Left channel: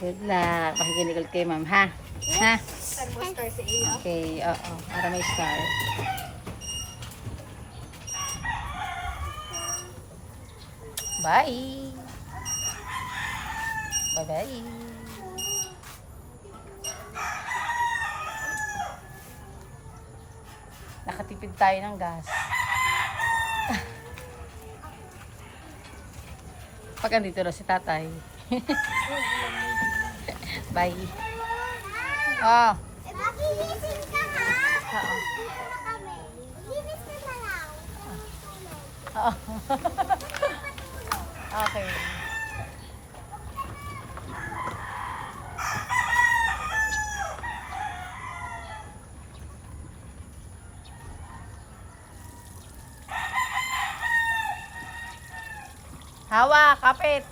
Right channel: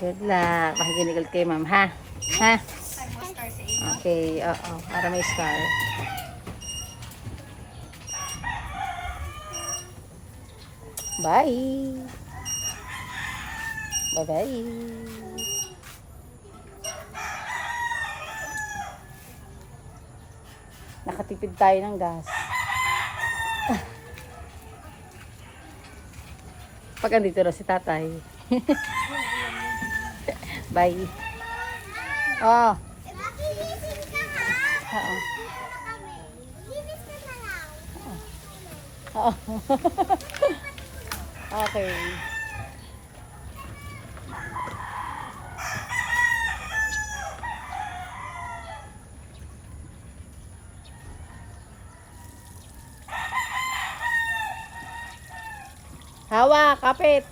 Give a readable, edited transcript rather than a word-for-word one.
Good luck. Makikinig kay ma'am, ha? Ha? Okay, oo. Para may star. Bye! Bye-bye! Nakatipid tayo ng gas. Pag andito na si tatay. Bye. Oh. Makilising ka ha? Dito na kami. Linis na na lang. Oh. Okay. Hawak, kapit.